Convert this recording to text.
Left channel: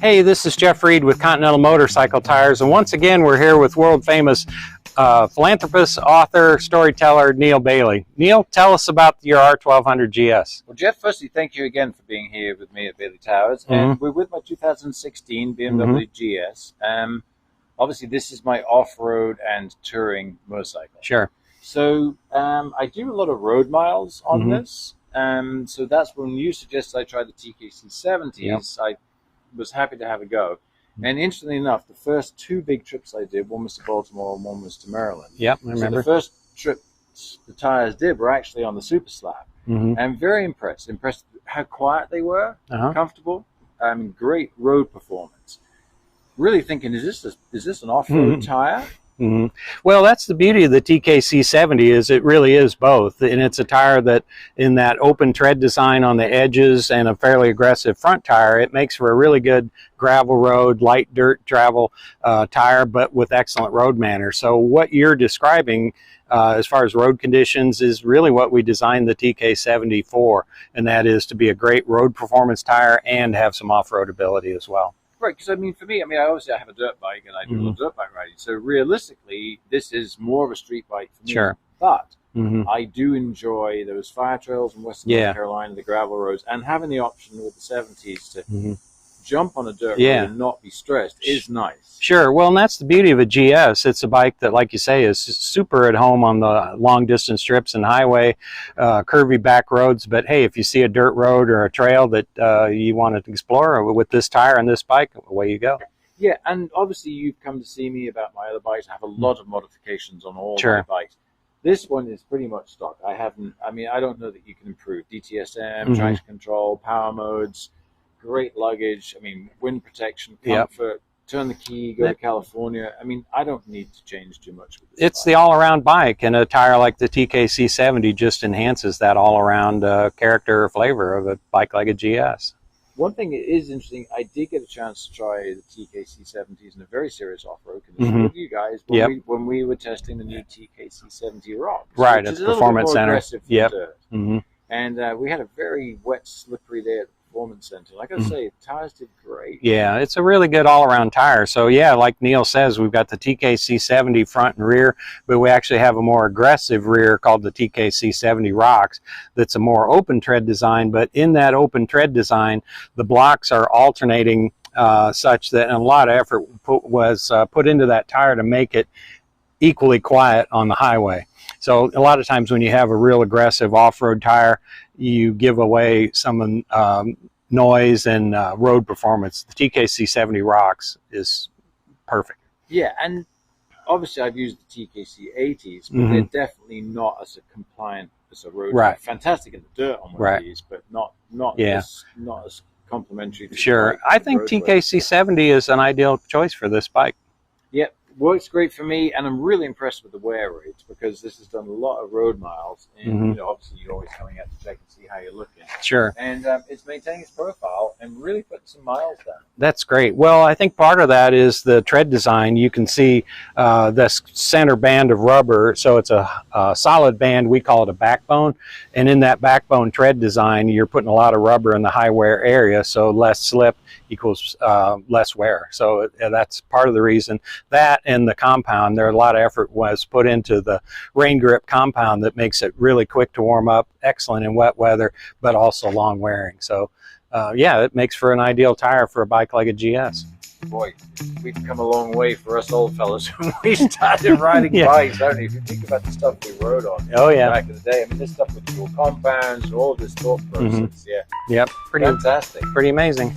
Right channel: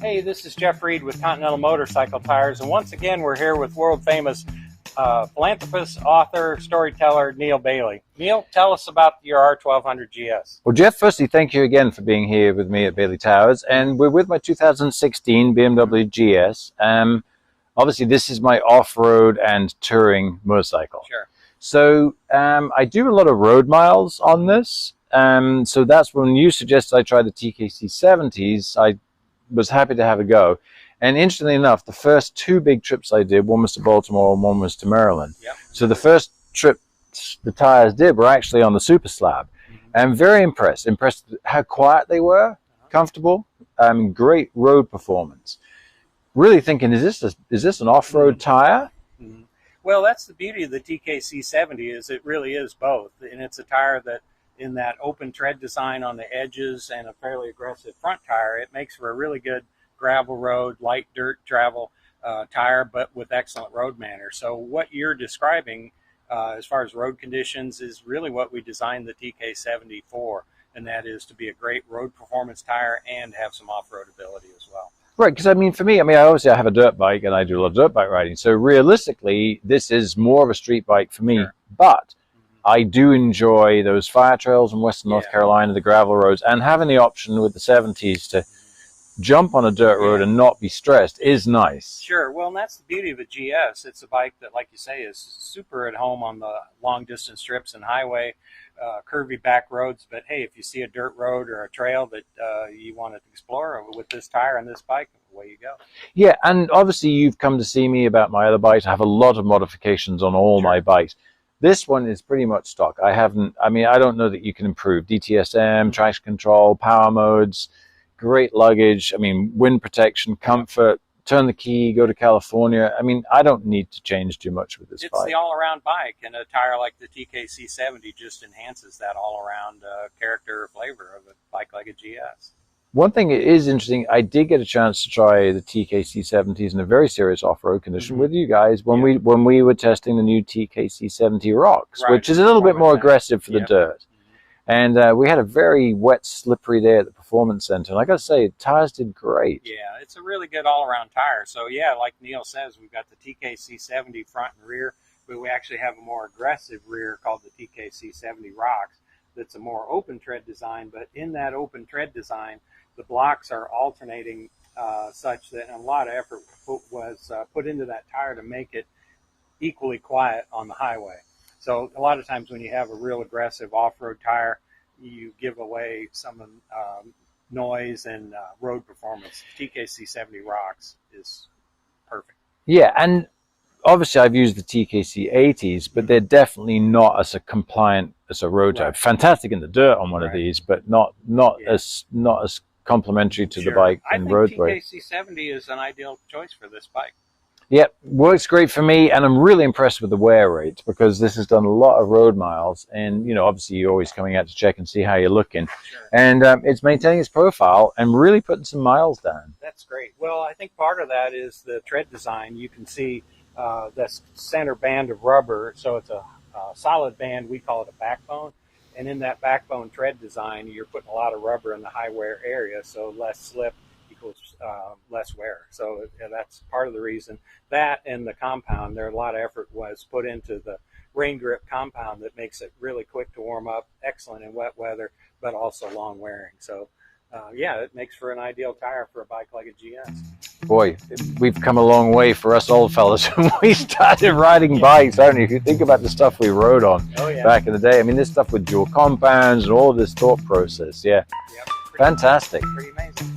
Hey, this is Jeff Reid with Continental Motorcycle Tires, and once again we're here with world-famous philanthropist, author, storyteller, Neale Bailey. Neale, tell us about your R1200 GS. Well, Jeff, firstly, thank you again for being here with me at Bailey Towers, and we're with my 2016 BMW GS. Obviously, this is my off-road and touring motorcycle. Sure. So I do a lot of road miles on this, so that's when you suggested I try the TKC 70s. I was happy to have a go. And interestingly enough, the first two big trips I did, one was to Baltimore and one was to Maryland. Yep. So the first trip the tires did were actually on the Super Slab. I'm very impressed with how quiet they were, comfortable, great road performance. Really thinking, is this an off-road tire? Well, that's the beauty of the TKC 70 is it really is both, and it's a tire that in that open tread design on the edges and a fairly aggressive front tire, it makes for a really good gravel road, light dirt travel tire, but with excellent road manners. So what you're describing as far as road conditions is really what we designed the TK70 for, and that is to be a great road performance tire and have some off-road ability as well. Right, because I mean, for me, obviously I have a dirt bike and I do a lot of dirt bike riding. So realistically, this is more of a street bike for me. Sure. But I do enjoy those fire trails in Western North Carolina, the gravel roads, and having the option with the 70s to jump on a dirt road and not be stressed is nice. Sure. Well, and that's the beauty of a GS. It's a bike that, like you say, is super at home on the long distance strips and highway, curvy back roads. But hey, if you see a dirt road or a trail that you want to explore with this tire and this bike, away you go. Yeah, and obviously you've come to see me about my other bikes. I have a lot of modifications on all my bikes. This one is pretty much stock. I don't know that you can improve DTSM, traction control, power modes, great luggage, wind protection, comfort, turn the key, go to California. I don't need to change too much with this It's bike. the all-around bike, and a tire like the TKC 70 just enhances that all-around character or flavor of a bike like a GS. One thing that is interesting, I did get a chance to try the TKC 70s in a very serious off-road condition with you guys when we were testing the new TKC 70 Rocks, which is a little bit more aggressive for the dirt. And we had a very wet, slippery day at the Performance Center. And I got to say, tires did great. Yeah, it's a really good all-around tire. So yeah, like Neale says, we've got the TKC 70 front and rear, but we actually have a more aggressive rear called the TKC 70 Rocks that's a more open tread design. But in that open tread design, the blocks are alternating such that a lot of effort was put into that tire to make it equally quiet on the highway. So a lot of times when you have a real aggressive off-road tire, you give away some noise and road performance. The TKC 70 Rocks is perfect. Yeah, and obviously I've used the TKC 80s, but they're definitely not as compliant as a road tire. Fantastic in the dirt on one of these, but not as complimentary to the bike. I think TKC 70 is an ideal choice for this bike. Yep, works great for me, and I'm really impressed with the wear rates because this has done a lot of road miles, and obviously you're always coming out to check and see how you're looking. Sure. And it's maintaining its profile and really putting some miles down. That's great. Well, I think part of that is the tread design. You can see this center band of rubber, so it's a solid band. We call it a backbone, and in that backbone tread design, you're putting a lot of rubber in the high wear area, so less slip equals less wear. So that's part of the reason. That and the compound, a lot of effort was put into the rain grip compound that makes it really quick to warm up, excellent in wet weather, but also long wearing. So yeah, it makes for an ideal tire for a bike like a GS. Boy, we've come a long way for us old fellas when we started riding bikes, haven't you? If you think about the stuff we rode on back in the day, this stuff with dual compounds and all of this thought process, Yep, fantastic. Pretty amazing.